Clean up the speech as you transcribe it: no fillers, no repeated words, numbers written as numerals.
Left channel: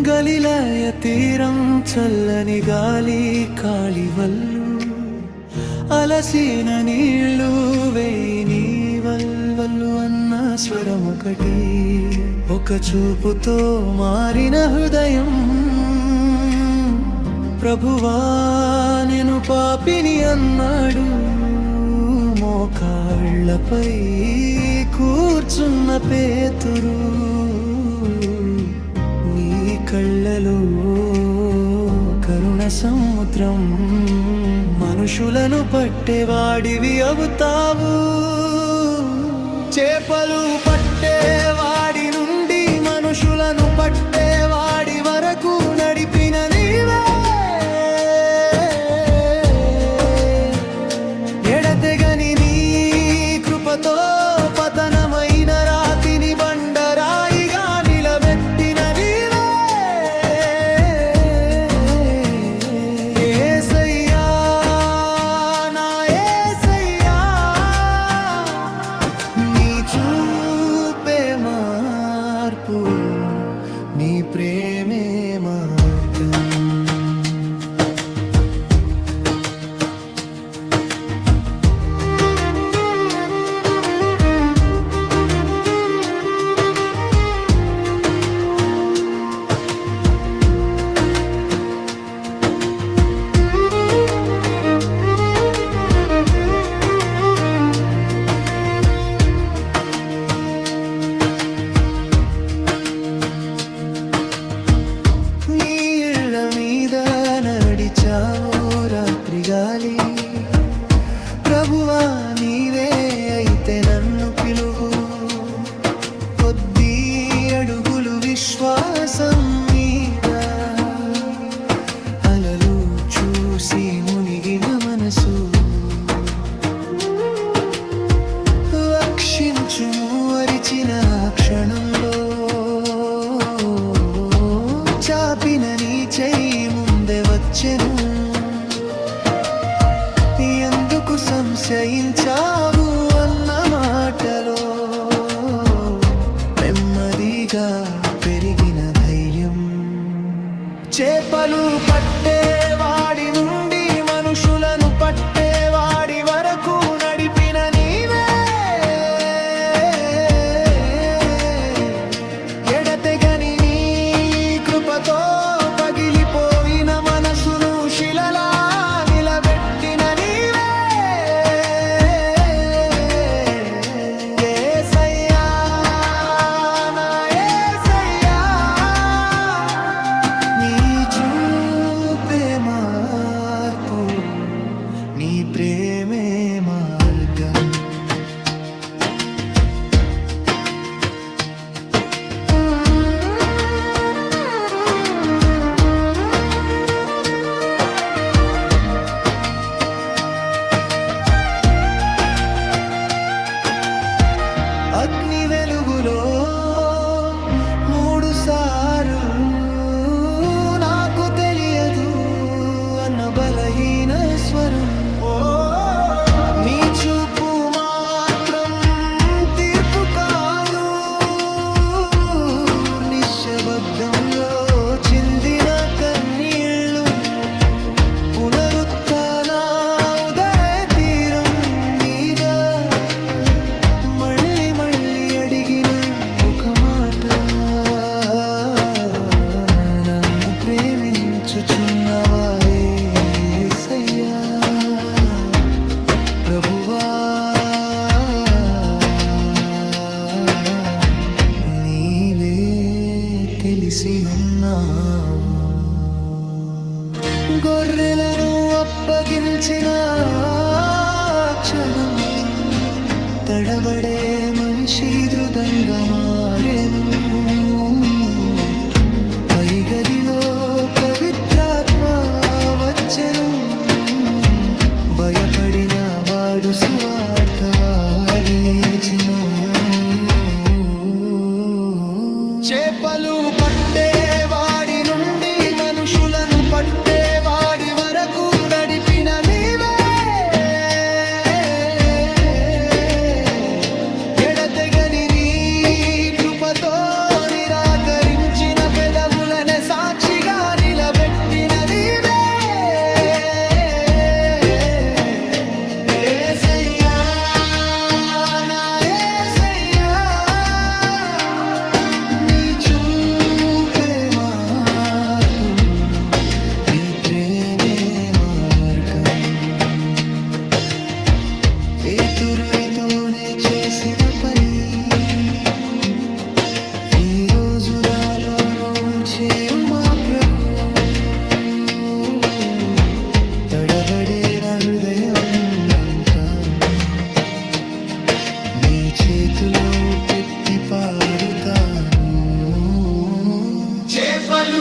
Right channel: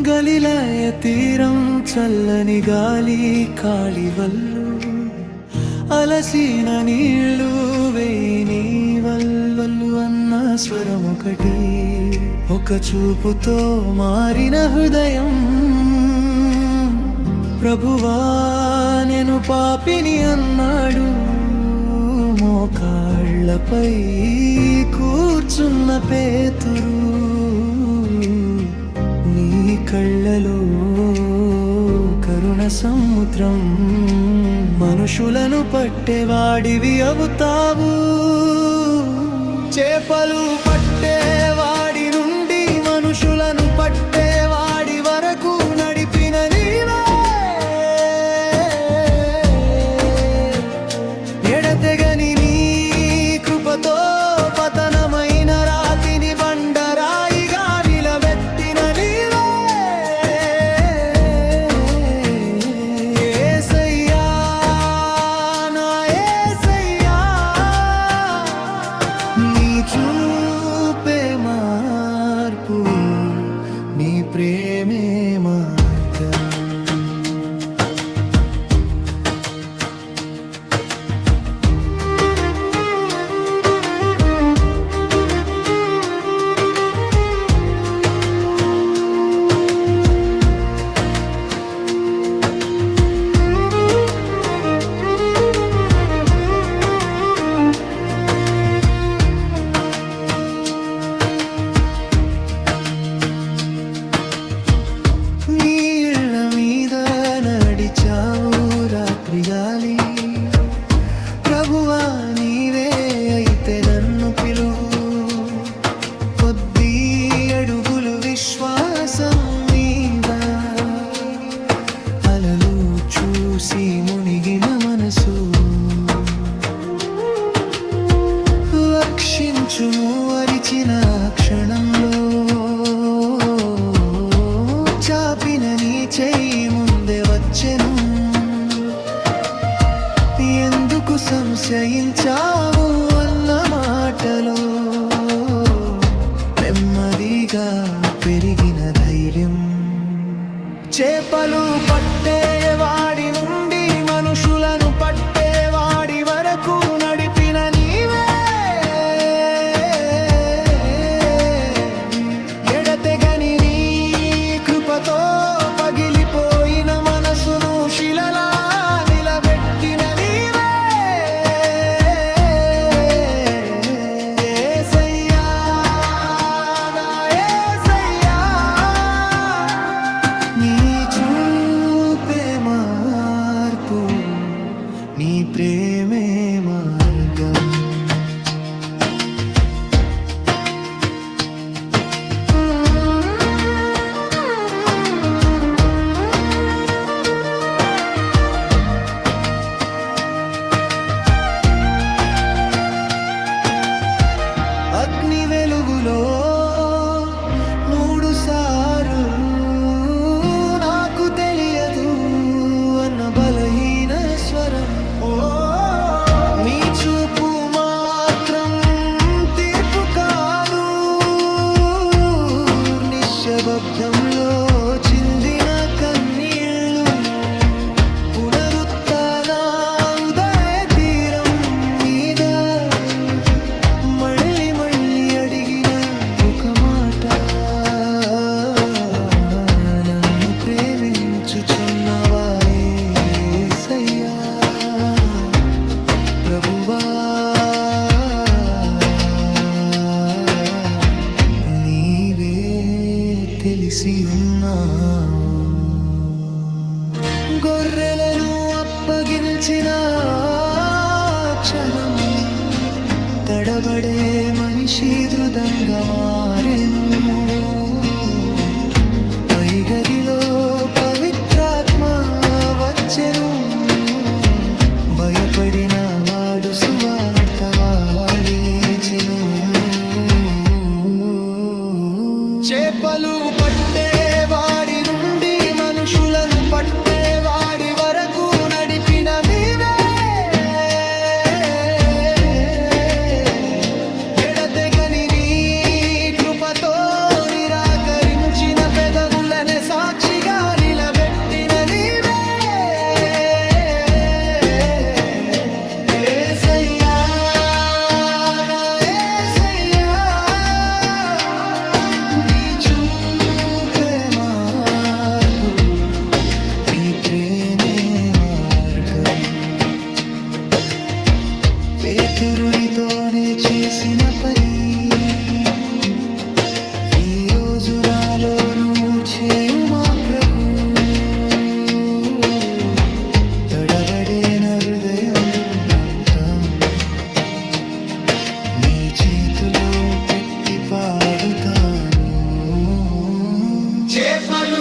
గలిలయ తీరం చల్లని గాలి కాళివల్లు అలసిన నీళ్ళు వేయిని వల్వల్లు అన్న స్వరమొకటి ఒక చూపుతో మారిన హృదయం ప్రభువా నేను పాపిని అన్నాడు మోకాళ్ళపై కూర్చున్న పేతురు నీ కళ్ళలో కరుణ సముద్రం మనుషులను పట్టేవాడివి అవుతావు చేపలు పట్టేవాడి నుండి మనుషులను పట్టేవాడి వరకు నడిపిన నీవే ఎడతెగని నీ కృపతో పతనమైన రాతిని బండరాయిగా నిలబెట్టిన నీవే యేసయ్యా నా యేసయ్యా నీ చూపే మార్పు నీ ప్రేమే మార్గం నడిచావు రాత్రి గాలి ప్రభువా నీవే అయితే నన్ను పిలువు కొద్ది అడుగులు విశ్వాసం మీద అలలు చూసి మునిగిన మనసు రక్షించుము అరిచిన క్షణంలో చాపిన నీ చెయ్యి ముందే వచ్చెను ఎందుకు సంశయించావు అన్న మాటలో నెమ్మదిగా పెరిగిన ధైర్యం చేపలు పట్టేవాడి నుండి మనుషులను పట్టేవాడి వరకు నడిపిన నీవే ఎడతెగని నీ కృపతో పగిలిపోయిన మనసును శిలలా నిలబెట్టిన నీవే యేసయ్యా నా యేసయ్యా నీ చూపే మార్పు నీ ప్రేమే మార్గం అగ్ని వెలుగులో 3 సార్లు నాకు తెలియదు అన్న బలహీన స్వరం నీ చూపు మాత్రం తీర్పు కాదు నిశ్శబ్దంలో చిందిన కన్నీళ్ళు పునరుత్థాన ఉదయ తీరం మీద మళ్ళీ అడిగిన ఒక మాట నన్ను ప్రేమించుచున్నవా యేసయ్యా ప్రభువా నీవే తెలిసి ఉన్నావు గొర్రెలను అప్పగించిన క్షణం తడబడే మనిషి దృఢంగా మారెను పై గదిలో పవిత్రాత్మ వచ్చెను భయపడిన వాడు సువార్త వారిచెను చేపలు పట్టేవాడి నుండి మనుషులను పట్టేవాడి వరకు నడిపిన నీవే ఎడతెగని నీ కృపతో నిరాకరించి ఉంచిన పెదవులనే సాక్షిగా నిలబెట్టిన నీవే యేసయ్యా, నా యేసయ్యా. నీ చూపే మార్పు, నీ ప్రేమే మార్గం. పేతురునితోనే చేసిన పని ఈ రోజు నాలోను చేవు మా ప్రభు. తడబడే నా హృదయం అంతా నీ చేతులో పెట్టి పాడుతాను. చేపలు